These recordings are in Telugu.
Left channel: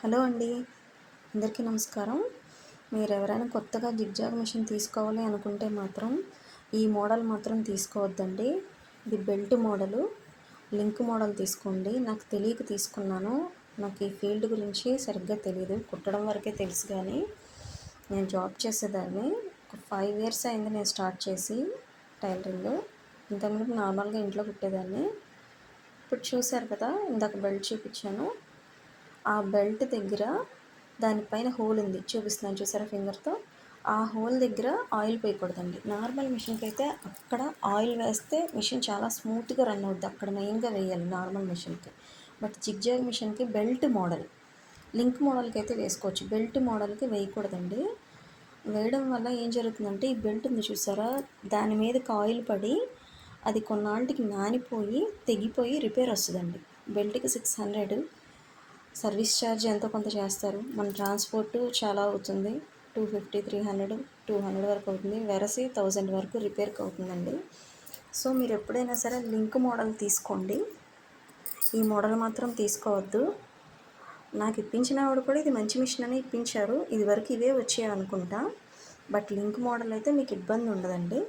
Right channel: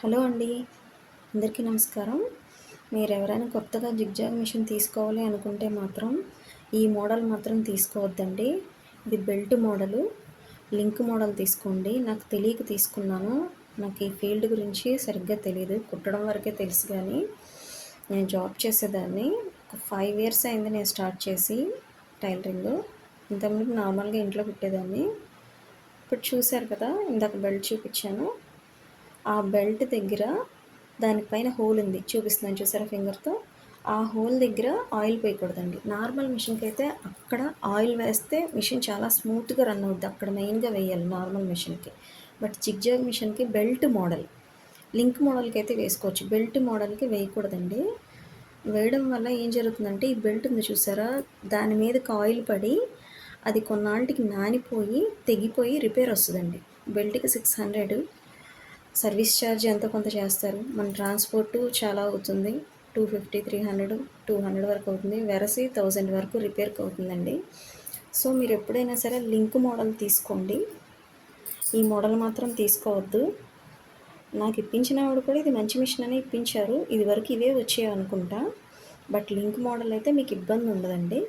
హలో అండి. అందరికీ నమస్కారం. మీరు ఎవరైనా కొత్తగా జిగ్జాగ్ మిషన్ తీసుకోవాలి అనుకుంటే మాత్రం ఈ మోడల్ మాత్రం తీసుకోవద్దండి. ఇది బెల్ట్ మోడలు. లింక్ మోడల్ తీసుకోండి. నాకు తెలియక తీసుకున్నాను. నాకు ఈ ఫీల్డ్ గురించి సరిగ్గా తెలియదు కుట్టడం వరకే తెలుసు కానీ నేను జాబ్ చేసేదాన్ని. ఒక ఫైవ్ ఇయర్స్ అయింది నేను స్టార్ట్ చేసి టైలరింగ్. ఇంతకుముందు నార్మల్గా ఇంట్లో కుట్టేదాన్ని. ఇప్పుడు చూశారు కదా ఇందాక బెల్ట్ చూపించాను. ఆ బెల్ట్ దగ్గర దానిపైన హోల్ ఉంది. చూపిస్తున్నాను చూసారా ఫింగర్తో? ఆ హోల్ దగ్గర ఆయిల్ పోయకూడదండి. నార్మల్ మిషన్కి అయితే అక్కడ ఆయిల్ వేస్తే మిషన్ చాలా స్మూత్గా రన్ అవుద్ది. అక్కడ మెయిన్గా వేయాలి నార్మల్ మిషన్కి. బట్ జిగ్జాగ్ మిషన్కి బెల్ట్ మోడల్ లింక్ మోడల్కి అయితే వేసుకోవచ్చు. బెల్ట్ మోడల్కి వేయకూడదండి. వేయడం వల్ల ఏం జరుగుతుందంటే ఈ బెల్ట్ ఉంది చూసారా? దాని మీదకి ఆయిల్ పడి అది కొన్నాళ్ళకి నానిపోయి తెగిపోయి రిపేర్ వస్తుందండి. బెల్ట్కి సిక్స్ హండ్రెడ్ సర్వీస్ ఛార్జ్ ఎంతో కొంత చేస్తారు? మన ట్రాన్స్పోర్ట్ చాలా అవుతుంది. Two fifty three hundred two hundred వరకు అవుతుంది. వెరసి థౌజండ్ వరకు రిపేర్కి అవుతుందండి. సో మీరు ఎప్పుడైనా సరే లింక్ మోడల్ తీసుకోండి. ఈ మోడల్ మాత్రం తీసుకోవద్దు. నాకు ఇప్పించిన ఆవిడ కూడా ఇది మంచి మిషన్ అని ఇప్పించారు. ఇది వరకు ఇవే వచ్చాయి అనుకుంటా. బట్ లింక్ మోడల్ అయితే మీకు ఇబ్బంది ఉండదండి.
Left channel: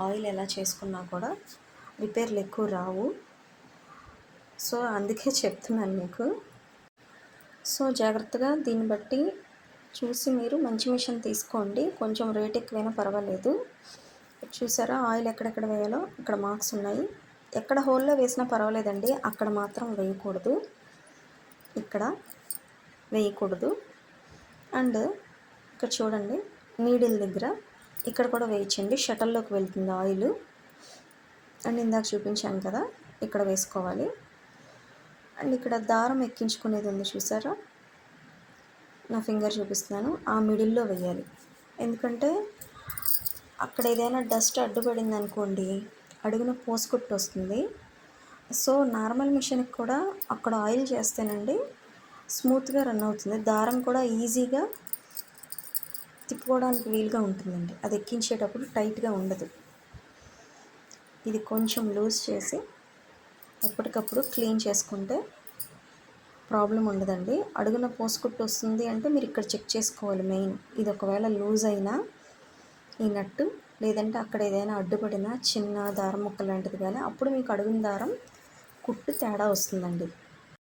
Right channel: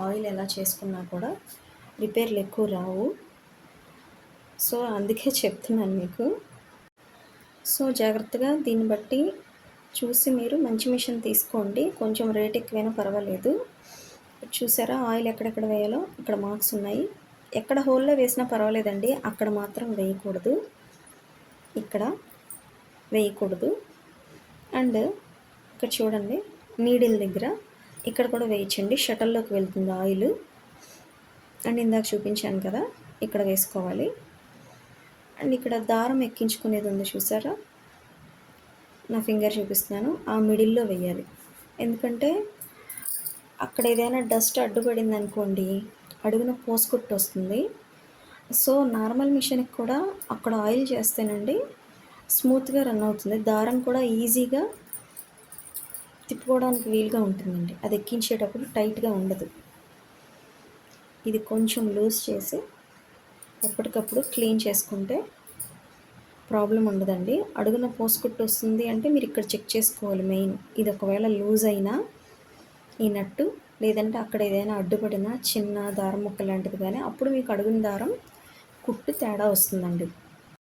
ఆయిల్ ఎలా చేసుకున్నా కూడా రిపేర్లు ఎక్కువ రావు. సో అందుకే చెప్తున్నాను మీకు. సో జాగ్రత్తగా దీన్ని బట్టి చూసి మీరు మంచి మిషన్ తీసుకోండి. కొంచెం రేట్ ఎక్కువైనా పర్వాలేదు. చూసారా? ఆయిల్ ఎక్కడెక్కడ వేయాలో అక్కడ మార్క్స్ ఉన్నాయి. ఎక్కడ హోల్లో వేసినా పర్వాలేదండి. అక్కడ మాత్రం వేయకూడదు. ఇక్కడ వేయకూడదు. అండ్ ఇక్కడ చూడండి నీడిల్ దగ్గర ఇక్కడ కూడా వేయించండి షటల్లోకి వెళ్తుంది ఆయిల్. అండ్ ఇందాక చూపించాను కదా ఇక్కడ వేసుకోవాలి. అండ్ ఇక్కడ దారం ఎక్కించుకునేది ఉంది చూసారా? నా ఫింగర్ చూపిస్తున్నాను. ఆ మిడిల్లో వేయాలి ఎందుకంటే అక్కడ ఏదైనా డస్ట్ అడ్డుపడింది అనుకోండి అడుగున పోసుకుట్టు వస్తుంది. సో నార్మల్ మిషన్కి కూడా అక్కడ ఆయిల్ చేస్తేనండి స్మూత్గా రన్ అవుతుంది. దారం కూడా ఈజీగా తిప్పుకోవడానికి వీలుగా ఉంటుందండి. అది ఎక్కించేటప్పుడు టైట్గా ఉండదు. ఇది కొంచెం లూజ్ చేసి ఎప్పటికప్పుడు క్లీన్ చేసుకుంటే ప్రాబ్లం ఉండదండి. అడుగున పోసుకుట్టు వస్తుంది అంటే మీరు ఇక్కడ చెక్ చేసుకోవాలి మెయిన్. ఇది ఒకవేళ లూజ్ అయినా ఈ నట్టు లేదంటే అక్కడ ఏదైనా అడ్డుపడినా చిన్న దారం ముక్క లాంటిది కానీ అప్పుడు మీకు అడుగున దారం కుట్టు తేడా వస్తుందండి.